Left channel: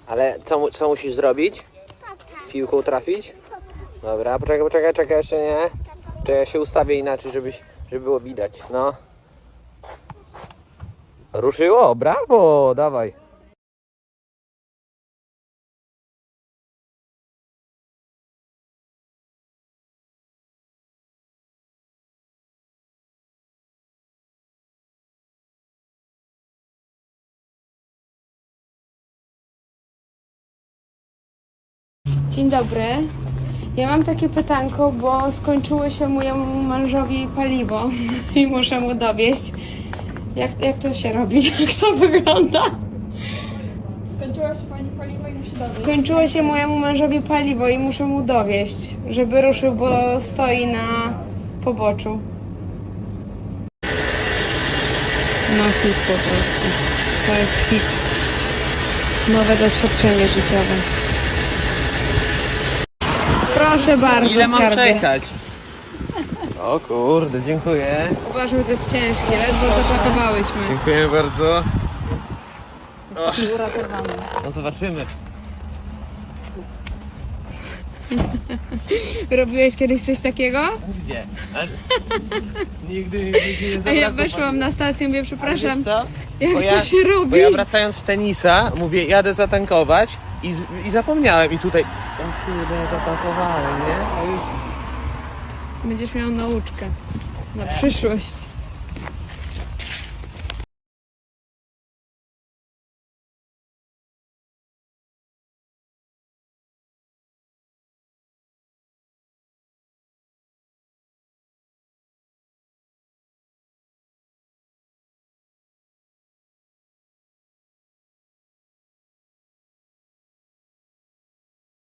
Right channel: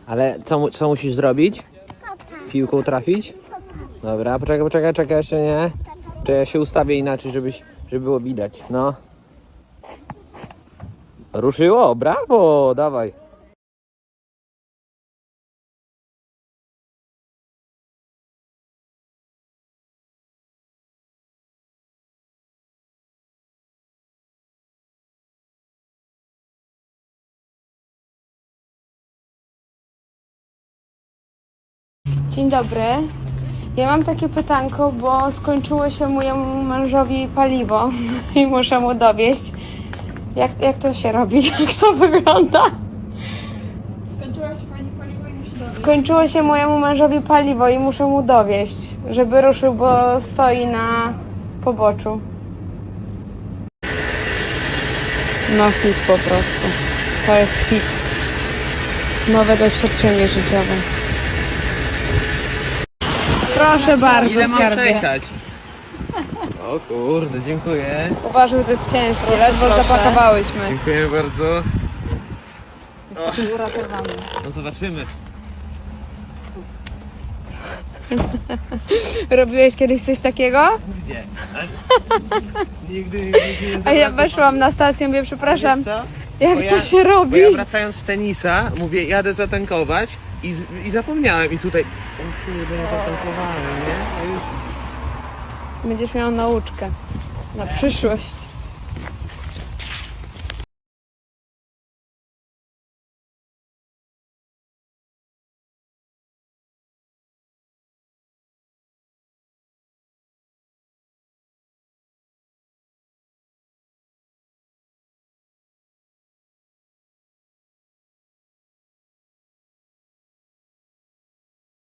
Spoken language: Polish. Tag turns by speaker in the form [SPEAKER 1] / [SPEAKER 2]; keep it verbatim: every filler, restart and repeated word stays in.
[SPEAKER 1] Ale co, mu- co musisz zrobić? Piłką trafić? Dobra, poczekaj, poczekaj, czekaj, jeszcze nie. Czekaj, ja się ustawię inaczej, żebyś, żeby było widać, no. Ruszyło, brawo, dawaj.
[SPEAKER 2] Dzień dobry. Ja mam takie pytanko, bo skończyło się mojemu mężowi paliwo i muszę mu dowieść. Jak, jak to się robi? Jak to wygląda?
[SPEAKER 3] Skończyła się pani paliwo i musi dowieść.
[SPEAKER 2] Skończyło się mojemu mężowi paliwo i muszę mu dowieść, żeby ruszył, bo stoi na poboczu. No hit po prostu. To jest hit. Nowe doświadczenie życiowe. Proszę bardzo,
[SPEAKER 1] Ile mam
[SPEAKER 2] skarbie.
[SPEAKER 1] czekać? O kurde, dziękuję.
[SPEAKER 2] Uważaj, to jest ciężkie, ledwo zapakowałyśmy.
[SPEAKER 1] Dziękuję bardzo.
[SPEAKER 3] Uratowane.
[SPEAKER 1] No zobaczymy.
[SPEAKER 2] Robiłeś kiedyś coś takiego?
[SPEAKER 1] Gdzie? Ale... Nigdy, nigdy się nie
[SPEAKER 2] A ja
[SPEAKER 1] zabrakło
[SPEAKER 2] weszłam na stację i mówię, przepraszam,
[SPEAKER 1] Wiesz co?
[SPEAKER 2] jak
[SPEAKER 1] Bo
[SPEAKER 2] to
[SPEAKER 1] ja-
[SPEAKER 2] się robi?
[SPEAKER 1] Bo ja wracając z tenisa, mówię, jadę zatankować i, z, i zapomniałem i tutaj, o kurde, nie zatankowałem, nie? A już...
[SPEAKER 2] Będziesz miał nauczkę na przyszłość.